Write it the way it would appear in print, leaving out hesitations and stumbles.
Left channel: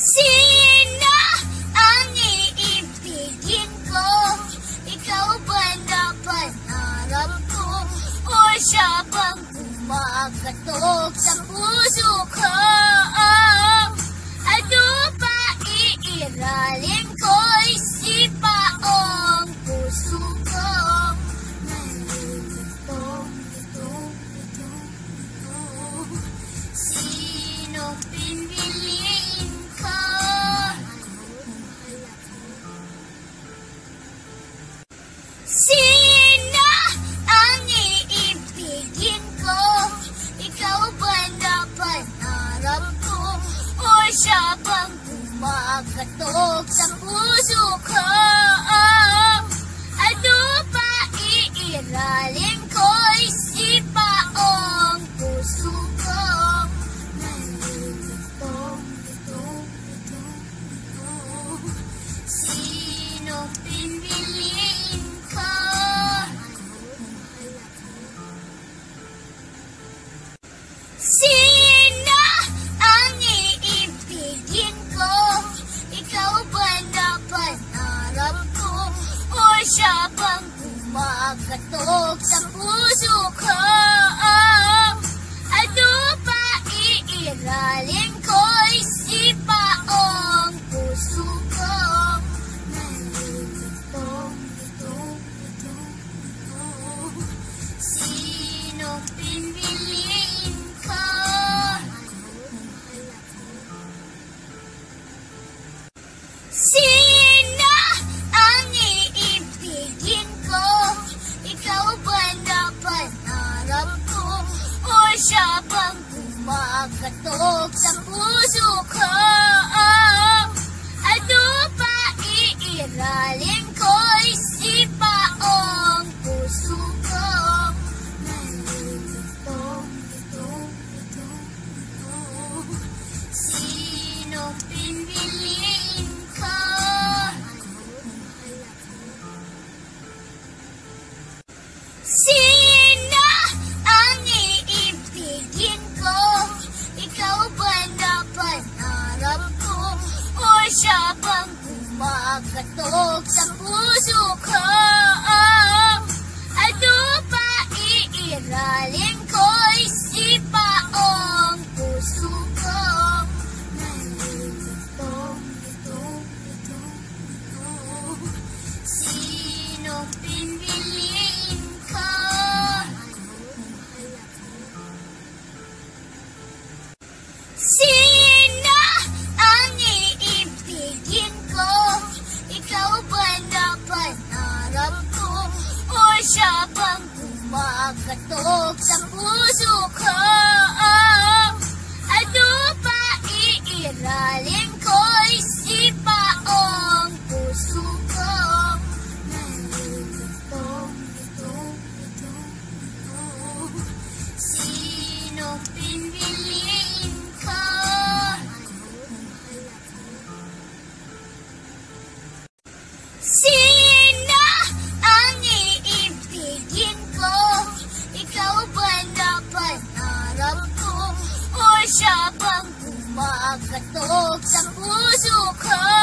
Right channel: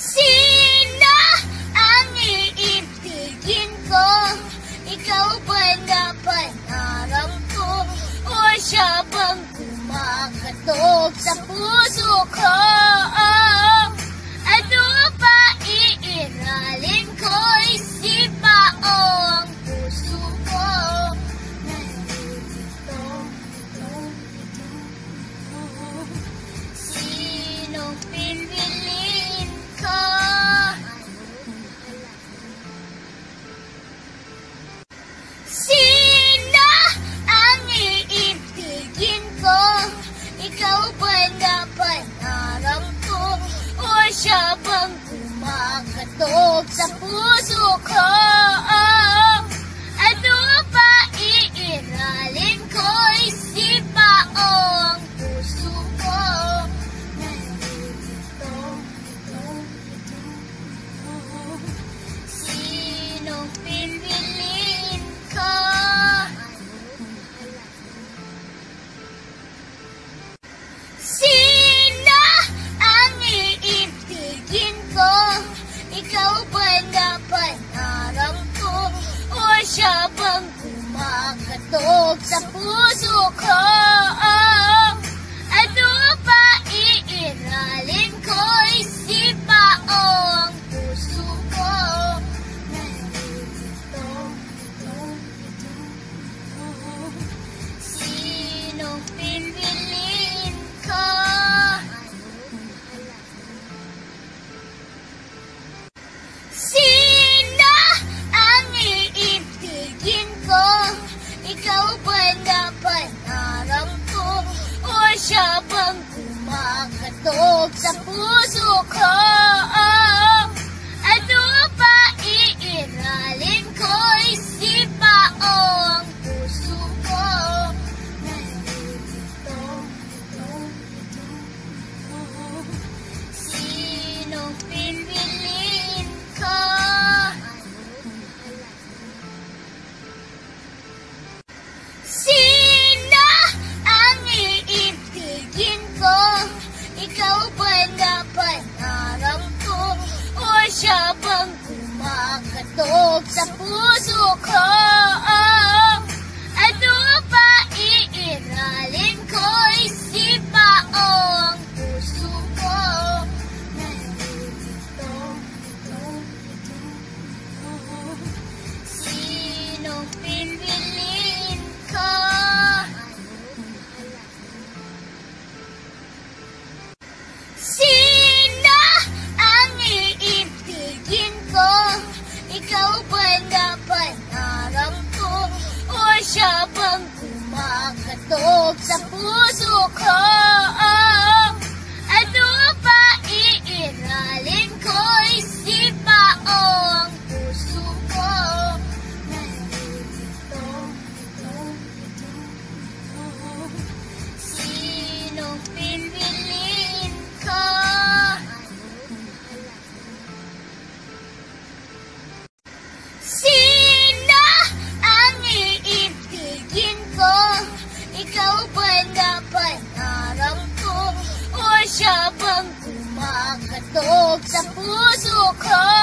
Sino ang iibigin ko? Ikaw ba na pangarap ko? O siya bang kumakatok sa puso ko? Ano ba iiralin ko? Isipa o ang puso ko? Nandito, ito. Sino pipiliin ko? Sino ang iibigin ko? Ikaw ba na pangarap ko? O siya bang kumakatok sa puso ko? Ano ba iiralin ko? Isipa o ang puso ko? Nandito, ito. Sino pipiliin ko? Sino ang iibigin ko? Ikaw ba na pangarap ko? O siya bang kumakatok sa puso ko? Ano ba iiralin ko? Isipa o ang puso ko? Nandito, ito. Sino pipiliin ko? Sino ang iibigin ko? Ikaw ba na pangarap ko? O siya bang kumakatok sa puso ko? Ano ba iiralin ko? Isipa o ang puso ko? Nandito, ito. Sino pipiliin ko? Sino ang iibigin ko? Ikaw ba na pangarap ko? O siya bang kumakatok sa puso ko? Ano ba iiralin ko? Isipa o ang puso ko? Nandito, ito. Sino pipiliin ko? Sino ang iibigin ko? Ikaw ba na pangarap ko? O siya bang kumakatok sa puso ko? Ano ba iiralin ko? Isipa o ang puso ko? Nandito, ito. Sino pipiliin ko? Sino ang iibigin ko? Ikaw ba na pangarap ko? O siya bang kumakatok sa puso ko?